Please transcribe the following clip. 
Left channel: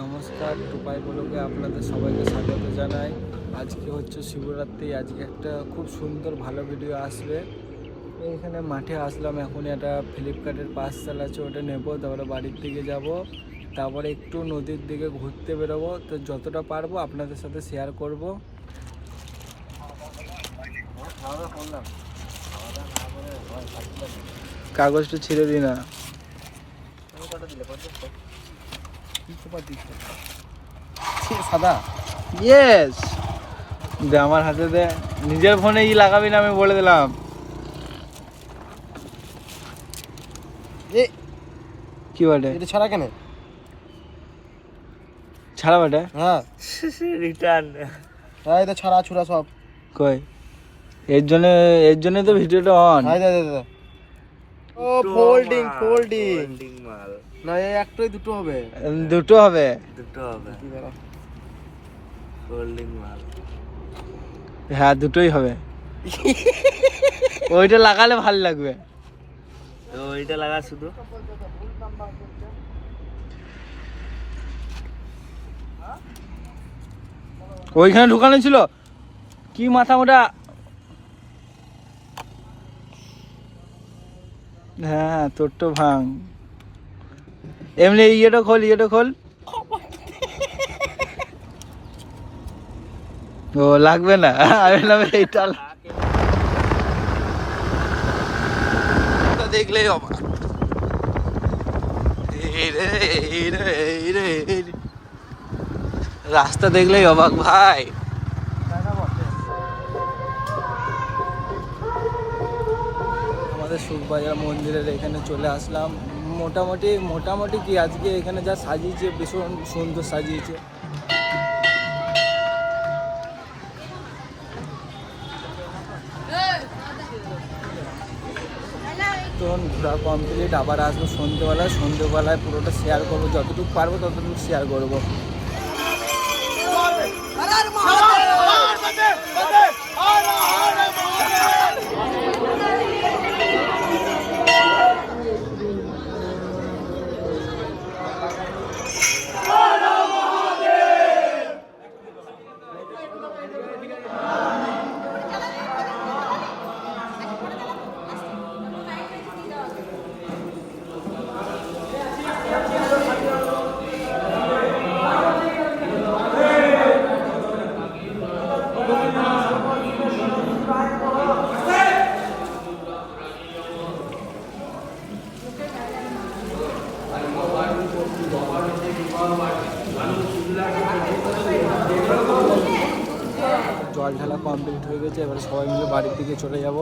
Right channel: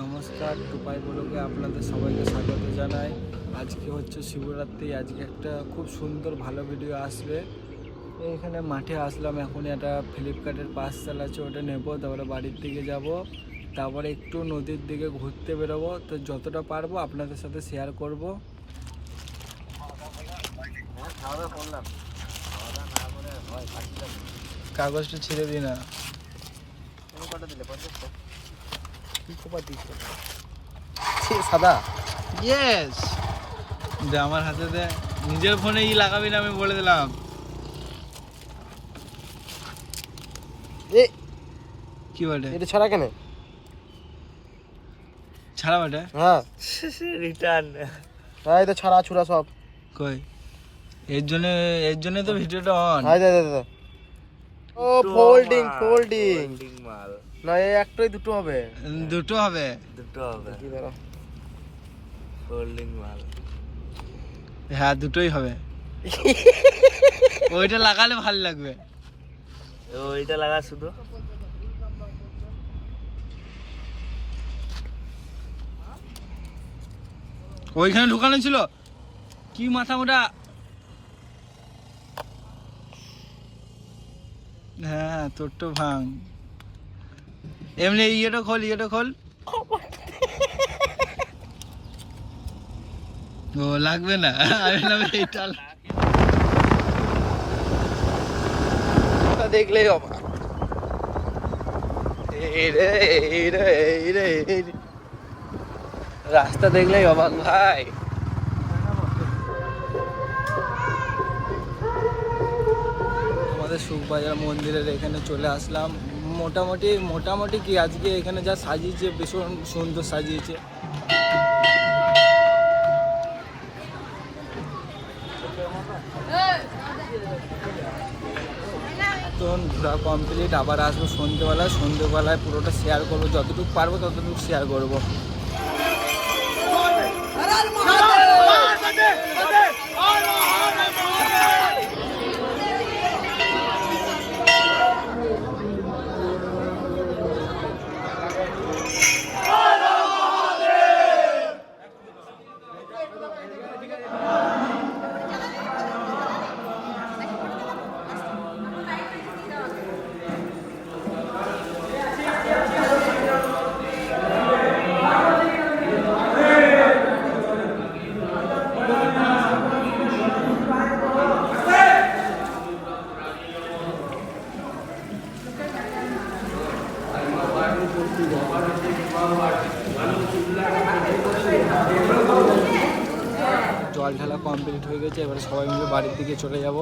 নমস্কার, টুপাই ব্লগে আপনাদের সবাইকে স্বাগত জানাই। আজকে হচ্ছে শিবরাত্রি। আজকে একটা খুব সুন্দর ভালো ভিডিও আসবে। এইখানে মাঠে আসলাম, এখন একটা ফ্লিপকার্টের পাস চালাচ্ছে, ওটা নেব, তারপরে বাড়ির দিকে যাব, তারপরে একটু নদীর দিকে ঘুরতে বেরোবো। তো যতটা পারবো আপনাদের সাথে শেয়ার করব। কাগজটা ছিঁড়ে দিই না। সাদা ইয়েস দে আমার হাতে দে। নিজের ফোনে লাগাবি না, আমি বলে দিলাম। কি বটে এটা ছাড়া কেন? ছাড়া বটে। হ্যাঁ রিটার্ন। হ্যাঁ এটা ছাড়া ছুড়া সব কই এর জন্য তো ভিডিওটা অন। হাই দাদা ও ফোল্ডিং মাল না, এই একটাই দুটো হবে। দুটো হবে ফোল্ডিং মাল। হ্যাঁ দুটোই হবে। ওইটা লাগালে ভালো লাগবে। ওইটা লাগা শুধু। ওইখানে ঢুকানো ছিল কি মাথা মোটা। হ্যাঁ তোর তো ভাঙ। এমনি ইয়েটা খোল। ও লাগবে না, আমি বললাম এইটা দেখলেই অবাক। রাস্তা দেখলেই অবাক ভাই। আমাদের সুখবাজার মন্দিরের এখানে চলে আসলাম। মোটামুটি কি আজকে এখানে যা সাজিয়েছে, ভীষণ সুন্দর সাজিয়েছে। তো ঘোরা কমপ্লিট, আবার আসবো সন্ধ্যেবেলায় পুরোটা শেয়ার করবো, যতটুকু পারবো ততটুকু শেয়ার করবো। জল ঢালা কমপ্লিট হয়ে গেছে, এবার সবাই মিলে বাড়ির দিকে চলে যাব।